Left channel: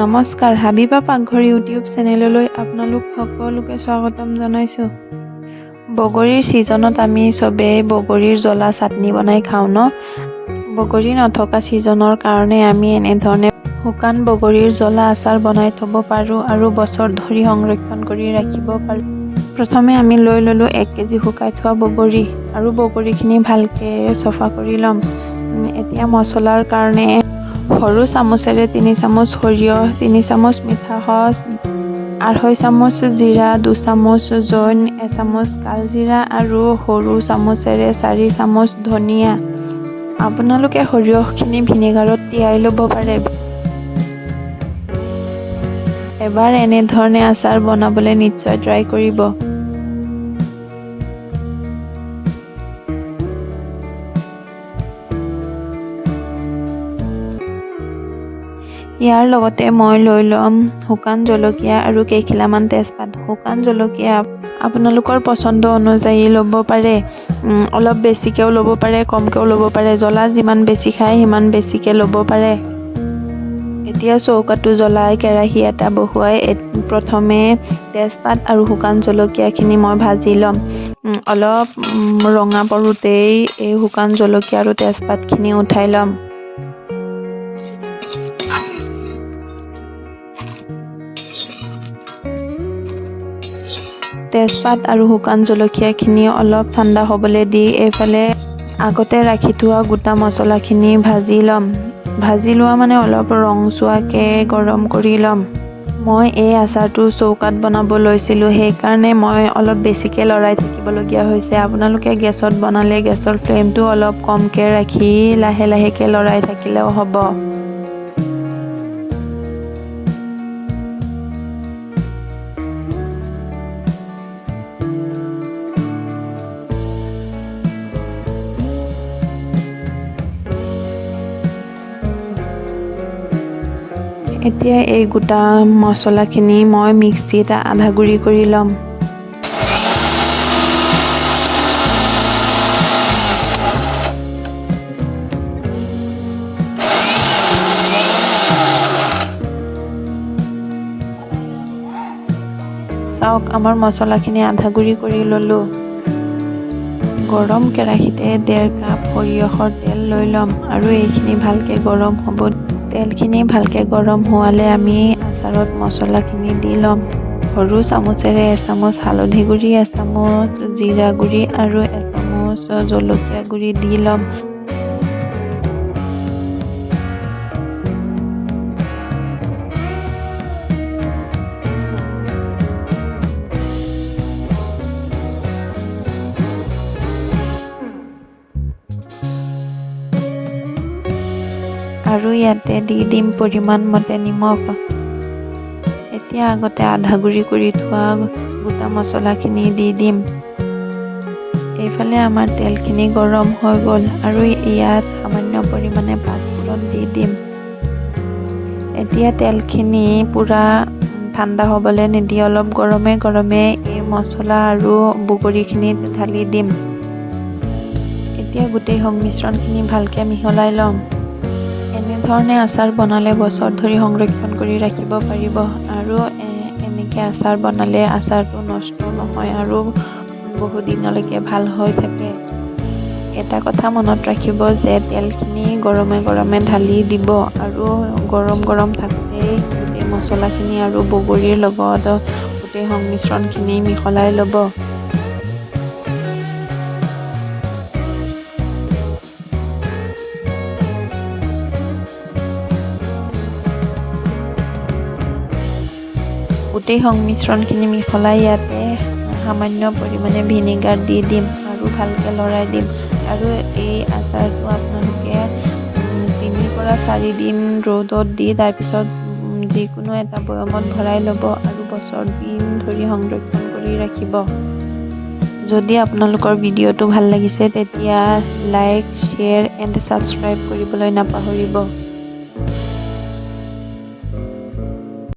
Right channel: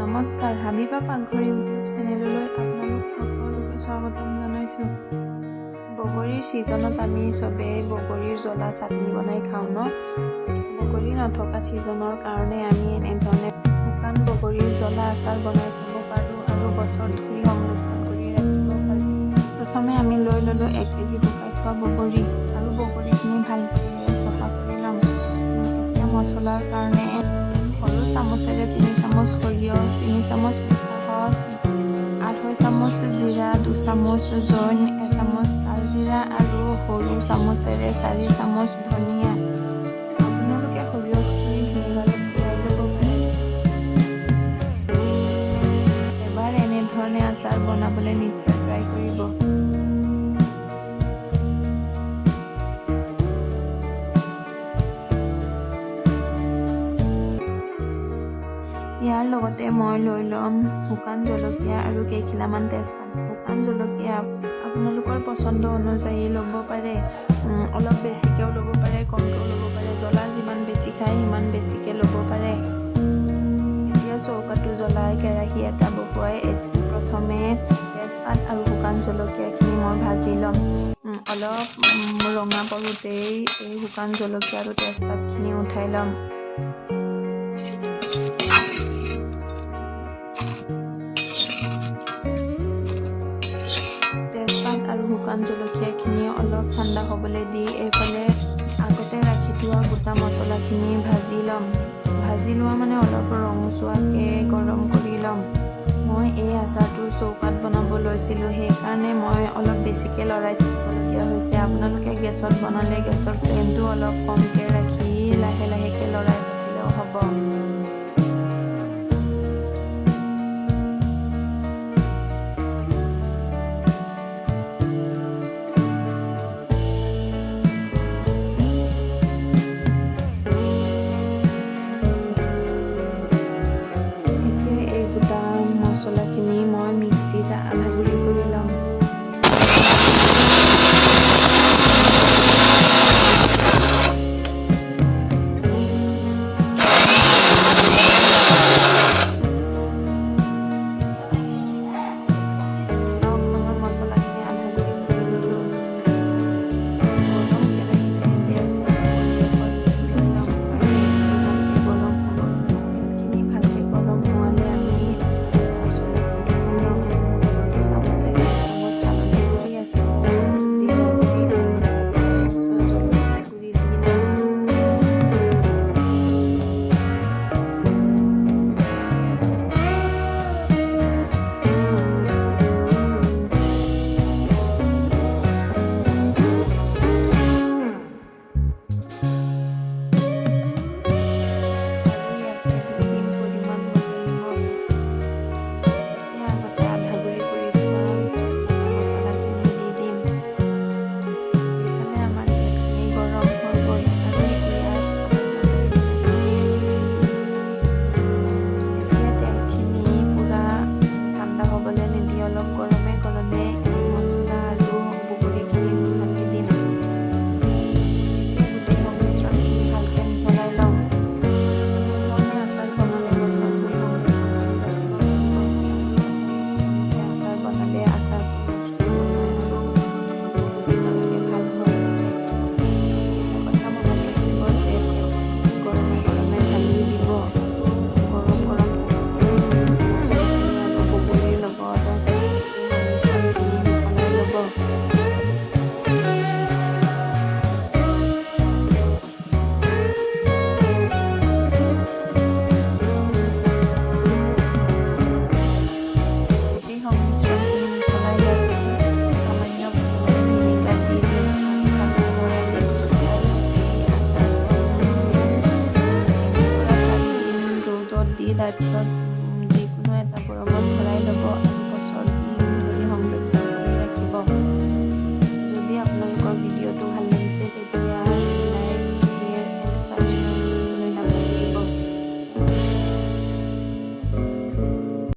নমস্কাৰ, হাবিবা পাকঘৰ ইউটিউব চেনেললৈ আপোনালোক সকলোকে স্বাগতম জনাইছোঁ। বগৰীৰ ছিজনত আমি চবেই বগৰীৰ জ্বলা চাটনি বনাই খাওঁ ন। বগৰী নথকা ছিজনৰ কাৰণে আমি এনেধৰণে শুকান বগৰীৰ জ্বলা আচাৰ বনাই থ'ব পাৰোঁ আৰু বছৰ ধৰি সংৰক্ষণ কৰি ৰাখিব পাৰোঁ। প্ৰথমে আমি লৈ ল'লোঁ 1 কেজি শুকাই থোৱা বগৰী আৰু বগৰীখিনি ভালকৈ চফা কৰি ল'ম। এতিয়া মছলাৰ কাৰণে সৰু চামুচেৰে 3 চামুচ সৰিয়হ, 3 চামুচ মিঠা সচ, 2.5 চামুচ জিৰা, 2 চামুচ জৈন, 1 চামুচ কালজিৰা আৰু সৰু চামুচেৰে 4 চামুচ ধনিয়া। আপোনালোকে সৰিয়হখিনি ভিনেগাৰত তিয়াই ল'ব পাৰে। এবাৰ এনেধৰণে আচাৰ বনাবলৈ নিশ্চয় ট্ৰাই কৰিব। ইয়াৰ লগতে মই লৈ ল'ম শুকান জলকীয়া আৰু কেইখিলামান তেজপাত। শুকান জলকীয়া আপোনালোকৰ পচন্দ অনুযায়ী ল'ব পাৰে, অলপ বেছিকৈও ল'ব পাৰে, কমকৈও ল'ব পাৰে। জ্বলা যিমান বেছি খায় সিমান বেছিকৈ ল'ব পাৰে। এতিয়া চৌকাটো জ্বলাই কেৰাহী এটা বহুৱাই প্ৰথমে তেজপাত আৰু শুকান জলকীয়াখিনি মই ভাজি ল'ম। অলপ ৰঙা পৰোঁতেই এই শুকান জলকীয়া আৰু তেজপাতখিনি উঠাই ল'ম। তেজপাত আৰু শুকান জলকীয়াখিনি অলপ ঠাণ্ডা হ'বলৈ দি এইফালে আগতে ৰাখি থোৱা গোটা মছলাখিনি ভাজি ল'ম। ভাজি লোৱা মানে অলপ ৰংচোৱাকৈ গৰম কৰি ল'ম। মই এই আচাৰটো চৌকাত বনাব লৈছিলোঁ, সেইকাৰণে মই অলপ বেছিকৈ লৰাই থাকিবলগীয়া হৈছে। আপোনালোকে গেছত বনালে গেছৰ ফ্লেমটো অলপ কমকৈ ৰাখি লাহে লাহেকৈ লৰাই থাকিলেও হ'ব। এতিয়া এই গোটা মছলাখিনি মই মিক্সিত আধা গুড়ি কৰি ল'ম। চাওক, আমাৰ মছলাখিনি আধা গুড়ি কৰি ল'লোঁ। গৰম কেৰাহীতে 1.5 কাপ সৰিয়হৰ তেল লৈ ল'ম আৰু এইখিনি ভালকৈ গৰম হ'ব। তেলখিনি ভালকৈ গৰম হোৱালে আমি আচাৰত মছলাখিনি দি ল'ম। সৰু চামুচেৰে 1 চামুচ হালধি গুড়ি, 1 চামুচ জিৰা গুড়ি আৰু 1 চামুচ জলকীয়া গুড়ি দি ল'ম। আৰু ইয়াতে দি দিম পৰিমাণ মতে নিমখ। এতিয়া আগতে আধা গুড়ি কৰি থোৱা গোটা মছলাখিনি দি দিম। এইফালে আমাৰ তেলখিনি গৰম হৈ গ'ল আৰু ইয়াত সামান্য পৰিমাণে পাঁচফোৰণ দি দিম। এতিয়া তেলখিনি পূৰা ঠাণ্ডা হ'বলৈ নিদি অলপ গৰমে গৰমে এই মছলা আৰু বগৰীখিনি ঢালি দিম। এতিয়া গোটেই সংমিশ্ৰণখিনি ভালকৈ মিহলাই ল'ম। এনেধৰণে আচাৰ বনালে বছৰ ধৰি সংৰক্ষণ কৰি ৰাখিব পাৰিব আৰু এনেকৈ আচাৰ বনালে আচাৰটো নষ্ট নহয় আৰু বহুদিনলৈকে ভাল হৈ থাকে। এটা কথা মনত ৰাখিব যে তেলখিনি গৰমে গৰমে ঢালি দিব আৰু গৰম গৰম থাকোঁতেই গোটেই মছলাখিনি আৰু বগৰীৰ লগত গোটেই সংমিশ্ৰণখিনি মিহলাই ল'ব। গোটেই সংমিশ্ৰণখিনি মিহলাই ইয়াতে সামান্য পৰিমাণে ভিনেগাৰ দি দিম আৰু ভালকৈ লৰাই দিম। আৰু এই আচাৰটো আপোনালোকে 3 পৰা 4 দিন ৰ'দত দি তাৰপিছত যিকোনো এটা বৈয়ামত ভৰাই ল'ব আৰু বছৰ দিন ধৰি সংৰক্ষণ কৰি ৰাখিব। যদি আপোনালোকৰ ভিডিঅ'টো ভাল লাগিছে তেতিয়া লাইক, শ্বেয়াৰ এণ্ড ছাবস্ক্ৰাইব কৰিবলৈ নাপাহৰিব।